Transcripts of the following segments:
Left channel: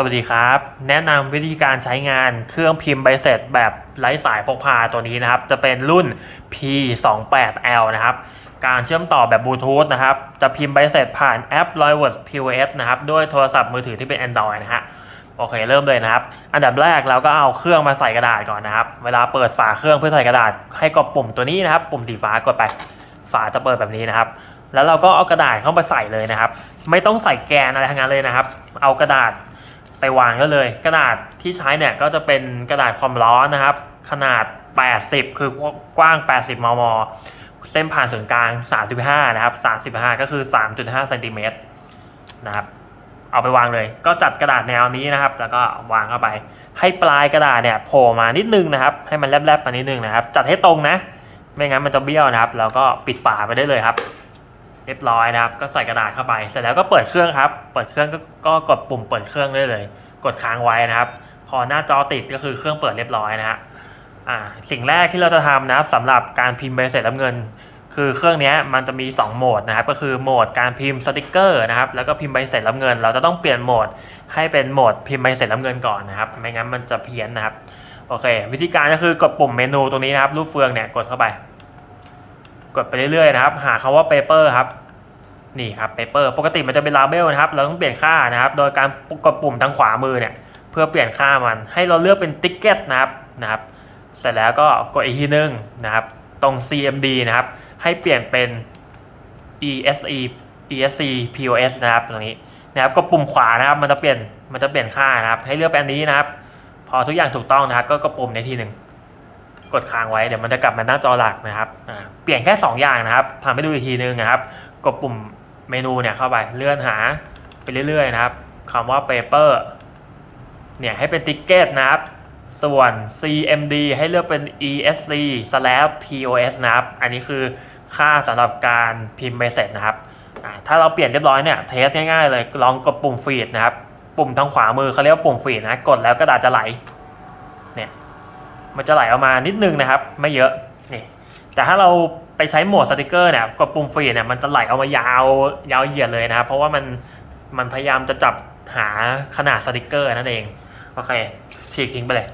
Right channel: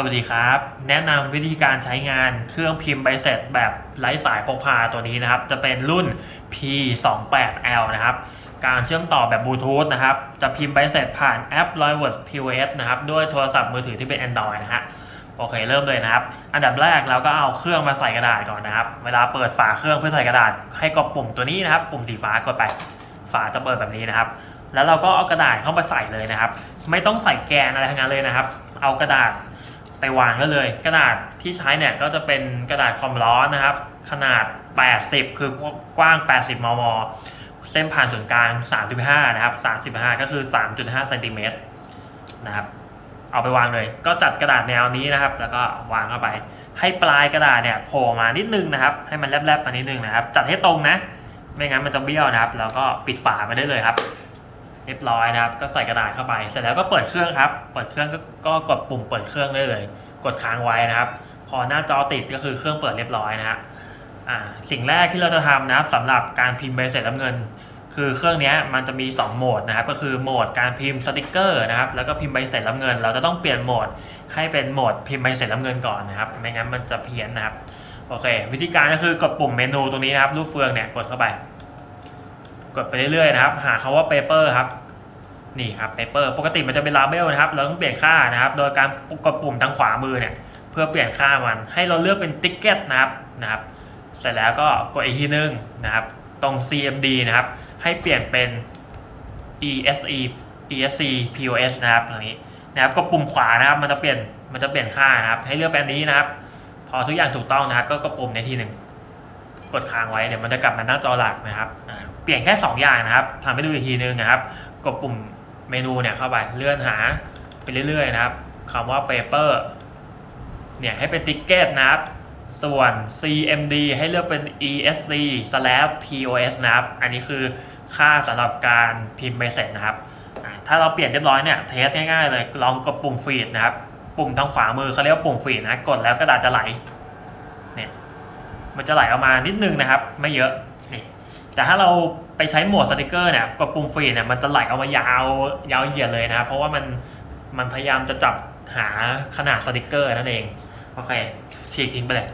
สวัสดีครับ แนะนำวิธีการใช้งานเครื่องพิมพ์ใบเสร็จแบบไร้สายพกพาตัวนี้นะครับ จะเป็นรุ่น P28L นะครับ การเชื่อมต่อแบบบลูทูธนะครับ จะพิมพ์ใบเสร็จผ่านแอป r o y w o r d POS นะครับด้วยโทรศัพท์มือถือที่เป็น Android นะฮะโอเค เริ่มเลยนะครับ อันดับแรกเราก็เอาเครื่องมาใส่กระดาษก่อนนะครับ เวลาเปิดฝาเครื่องเพื่อใส่กระดาษ ให้กดปุ่มตัวนี้นะครับ ปุ่มสีฟ้ากดไป ฝาจะเปิดแบบนี้นะครับ แล้วเราก็เอากระดาษเข้ามาใส่เลยนะครับ ไม่ต้องใส่แกนอะไรทั้งนั้นเลยนะครับ เอากระดาษ ไปวางก็เลย กระดาษที่ใช้เนี่ยก็จะเป็นกระดาษความร้อนนะครับ ขนาด 80 คือกว้าง 80 มม เส้นผ่านศูนย์กลาง 3.5 นะครับ 35 ก็คือ 3.5เซนติเมตรนะครับ เอาไปวางเลย ก็จัดกระดาษแนวนี้นะครับ แล้วก็วางเข้าไป ให้ปลายกระดาษเนี่ยโผล่มานิดนึงนะครับ ให้มันแลบๆมานิดนึงนะครับ จัดให้ตรงนะ ไม่งั้นมันจะเบี้ยวนะครับ แล้วก็ปิดฝาไปได้เลยครับ เรียบร้อยนะครับ ก็ใส่กระดาษเข้าไป เสร็จแล้วก็เปิดเครื่องครับ เปิดเครื่องก็ก็กดปุ่มเปิดเครื่องได้เลย กดค้างไว้นะครับ พอหน้าจอติดก็คือเครื่องเปิดเรียบร้อยนะฮะอ่าสิ่งแรกที่เราจะทำนะครับสำหรับการพิมพ์ใบเสร็จรับเงิน คือเครื่องนี้มันจะมี 2 โหมดนะครับ ก็คือโหมดการพิมพ์สติกเกอร์นะครับ แล้วก็พิมพ์ใบเสร็จรับเงิน เราจะต้องเปลี่ยนโหมดให้เป็นโหมดพิมพ์ใบเสร็จรับเงินก่อนนะครับ ไม่งั้นมันจะเพี้ยนนะครับ โอเค วิธีการก็คือกดปุ่มเมนูตรงนี้นะครับ รูปเฟืองเนี่ยกดเข้าไป กดไปเรื่อยๆนะครับ หาคำว่า paper ครับนี่ครับ paper ปกติมันจะเป็น label นะครับ เราต้องเปลี่ยนค่านะครับ โดยการกดปุ่มทางขวามือเนี่ยเพื่อเปลี่ยนค่ามัน ให้เราเลือกเป็น ticket นะครับนะครับ เสร็จแล้วก็กดอีกทีนึงนะครับ ตรง CMD นะครับ ให้เปลี่ยนเป็น ESE ESC POS นะครับตรงนี้นะครับกดปุ่มขวานะครับมันจะเปลี่ยนมันจะเปลี่ยนค่านะครับ ให้เลือกเป็นนี้นะครับ พอทุกอย่างถูกต้องนะครับ ก็กดปุ่มในทีหนึ่งกดค้างไว้เดี๋ยวมันจะกลับมาหน้าจอหลักนะครับ ปลี่ยนแค่ 2 อย่างนะครับทำให้ดูอีกทีนึงนะครับ กดปุ่มเมนูเนี่ยเข้าไปเลื่อนหาไปเรื่อยๆนะครับคำว่า paper เนี่ยให้เป็น ticket นะครับ ส่วน CMD ให้เลือกเป็น ESC slash POS นะครับ อันนี้คือค่าสำหรับการพิมพ์เสเซจนะครับ ถ้าเราเปลี่ยนเรียบร้อยเนี่ยเทสง่ายๆเลยลองกดปุ่มฟีดนะครับ ปุ่มทางขวามือเขาเรียกว่าปุ่มฟีดนะ กดแล้วกระดาษจะไหล เนี่ย มันจะไหลออกมานิดนึงนะครับ ไม่เยอะ นี่ แต่ถ้าเราไปใช้โหมดสติกเกอร์เนี่ยกดปุ่มฟรีเนี่ยมันจะไหลออกมายาวยาวเหยียดเลยนะครับ เพราะว่ามันมันพยายามจะจับหาขนาดสติกเกอร์นั่นเอง โอเค ฉีกทิ้งไปเลย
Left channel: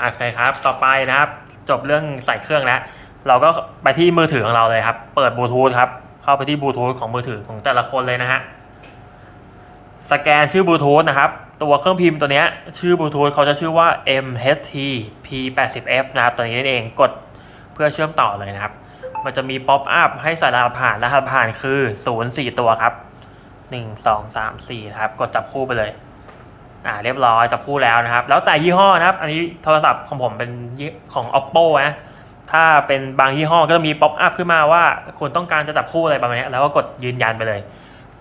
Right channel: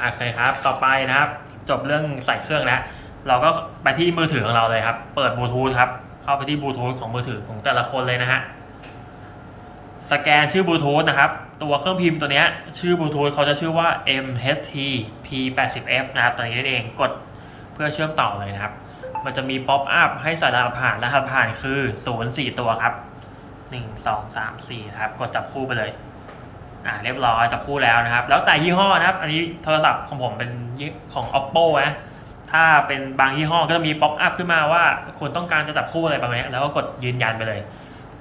โอเคครับ ต่อไปนะครับ จบเรื่องใส่เครื่องแล้ว เราก็ไปที่มือถือของเราเลยครับ เปิดบลูทูธครับ เข้าไปที่บลูทูธของมือถือของแต่ละคนเลยนะฮะ สแกนชื่อบลูทูธนะครับ ตัวเครื่องพิมพ์ตัวนี้ชื่อบลูทูธเขาจะชื่อว่า MHT P80F นะครับ ตัวนี้นั่นเองกดเพื่อเชื่อมต่อเลยนะครับ มันจะมีป๊อปอัพให้ใส่รหัสผ่านรหัสผ่านคือ 0 4 ตัวครับ 1 2 3 4ครับ กดจับคู่ไปเลย อ่าเรียบร้อยจับคู่แล้วนะครับ แล้วแต่ยี่ห้อนะครับ อันนี้โทรศัพท์ของผมเป็นของ oppo นะถ้าเป็นบางยี่ห้อก็จะมีป๊อปอัพขึ้นมาว่าคุณต้องการจะจับคู่อะไรประมาณนี้แล้วก็กดยืนยันไปเลย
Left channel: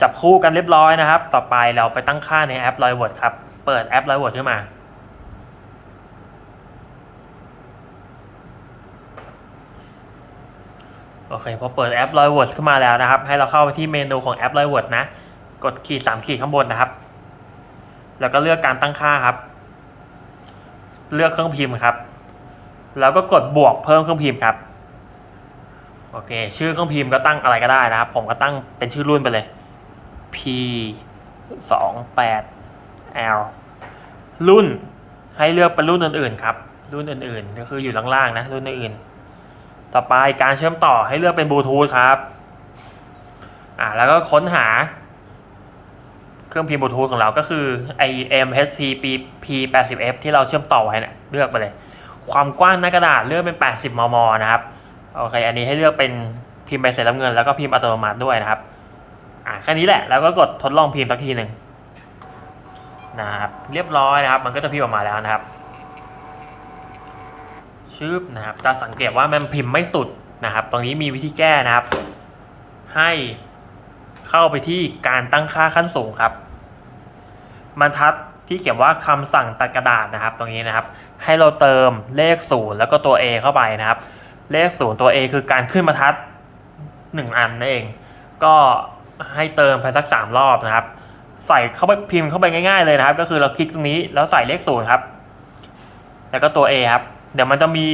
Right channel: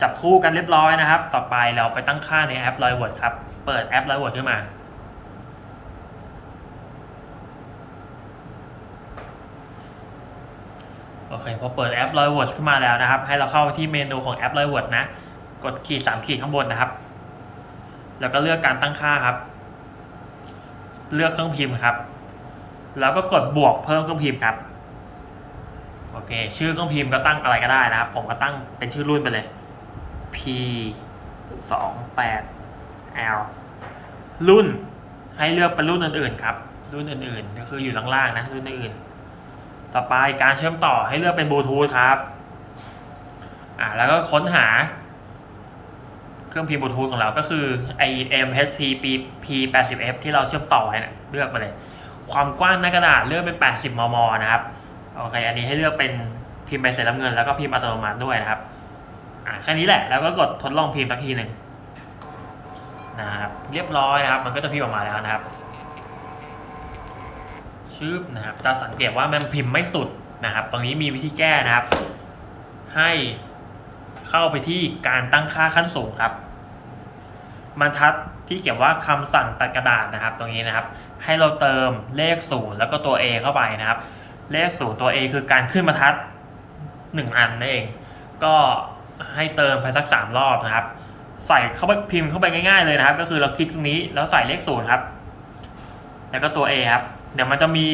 จับคู่กันเรียบร้อยนะครับ ต่อไปเราไปตั้งค่าในแอป r o y w o r d ครับ เปิดแอป r o y w o r d ขึ้นมาโอเคพอเปิดแอป r o y w o r d ขึ้นมาแล้วนะครับ ให้เราเข้าไปที่เมนูของแอป r o y w o r d นะ กดขีดสามขีดข้างบนนะครับ แล้วก็เลือกการตั้งค่าครับ เลือกเครื่องพิมพ์ครับ แล้วก็กดบวกเพิ่มเครื่องพิมพ์ครับโอเค ชื่อเครื่องพิมพ์ก็ตั้งอะไรก็ได้นะครับ ผมก็ตั้งเป็นชื่อรุ่นไปเลย P 2 8 L รุ่นให้เลือกเป็นรุ่นอื่นๆครับ รุ่นอื่นๆ ก็คืออยู่ล่างๆนะ รุ่นอื่นๆต่อไปการเชื่อมต่อให้เลือกเป็นบลูทูธครับอ่าแล้วก็ค้นหา เครื่องพิมพ์บลูทูธของเราก็คือ IMHT P80F ที่เราเชื่อมต่อไว้เนี่ยเลือกไปเลย ความกว้างหน้ากระดาษเลือกเป็น 80 มม นะครับโอเคอันนี้ให้เลือกเป็นพิมพ์ใบเสร็จรับเงินแล้วก็พิมพ์อัตโนมัติด้วยนะครับ อ่าแค่นี้แหละ แล้วก็กดทดลองพิมพ์สักทีหนึ่งนะครับเรียบร้อยนะครับ มันก็จะพิมพ์ออกมาแล้วนะครับชืบนะครับจะสังเกตว่ามันพิมพ์ไม่สุดนะครับ ตรงนี้มีวิธีแก้นะครับ ให้เข้าไปที่การตั้งค่าขั้นสูงครับบรรทัดที่เขียนว่าคำสั่งตัดกระดาษนะครับ ตรงนี้นะครับ ให้เราเติมเลขศูนย์แล้วก็ตัว A เข้าไปนะครับ เลขศูนย์ตัว A คือการขึ้นบรรทัดหนึ่งอันนั่นเอง ก็ ให้เติมไปสักสามรอบนะครับ ใส่เข้าไปพิมพ์เข้าไปง่ายๆเลยนะครับ ก็คือเราคลิกตรงนี้แล้วใส่เลขศูนย์ครับ แล้วก็ตัว A ครับ เดี๋ยวมันจะมี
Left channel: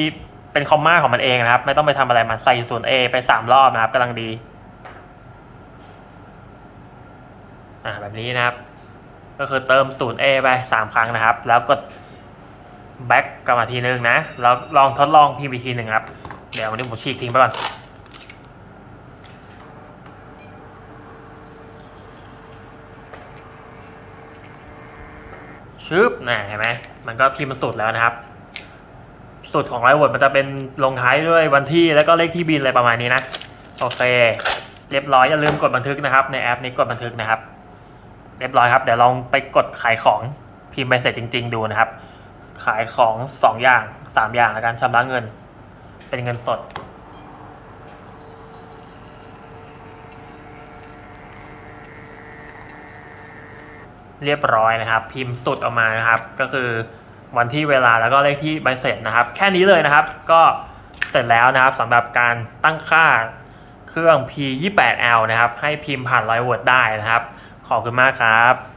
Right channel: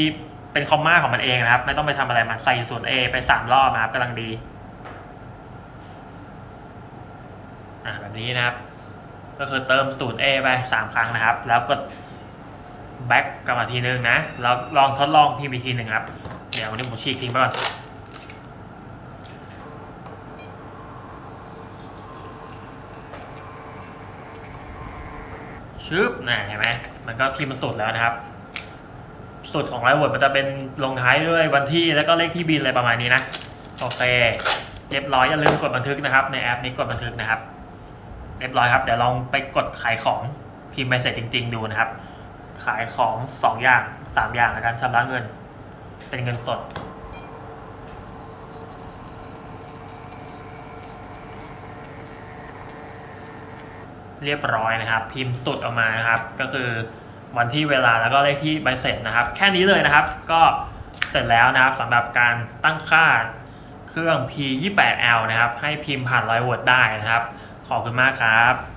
เป็นคอมมาของมันเองนะครับ ไม่ต้องไปทำอะไรมันใส่ส่วน A ไปสามรอบนะครับกำลังดีอ่าแบบนี้นะครับ ก็คือเติมศูนย์ A ไปสามครั้งนะครับ แล้วกด back กลับมาทีนึงนะแล้วลองทดลองพิมพ์อีกทีหนึ่งครับเดี๋ยววันนี้ผมฉีกทิ้งไปก่อน ชึบนะเห็นไหมมันก็พิมพ์สุดแล้วนะครับ สุดของไลฟ์วอร์ดมันจะเป็นลงท้ายด้วยวันที่แล้วก็เลขที่บินอะไรประมาณนี้นะ โอเค เรียบร้อยอย่าลืมกดบันทึกนะครับ ในแอปนี้กดบันทึกนะครับ เรียบร้อยครับ เดี๋ยวลองไปกดขายของพิมพ์ไปเสร็จจริง ๆ ดูนะครับ ขายของสองอย่างสามอย่างในการชำระเงิน เป็นเงินสด เรียบร้อยนะครับ พิมพ์สุดออกมานะครับ ก็คือวันที่เวลาแล้วก็เลขที่ใบเสร็จนะครับ แค่นี้เลยนะครับ ก็เสร็จแล้วนะครับสำหรับการตั้งค่าเครื่อง P28L นะครับ ให้พิมพ์ผ่านไลน์วอร์ดได้นะครับ ขอบคุณมากครับ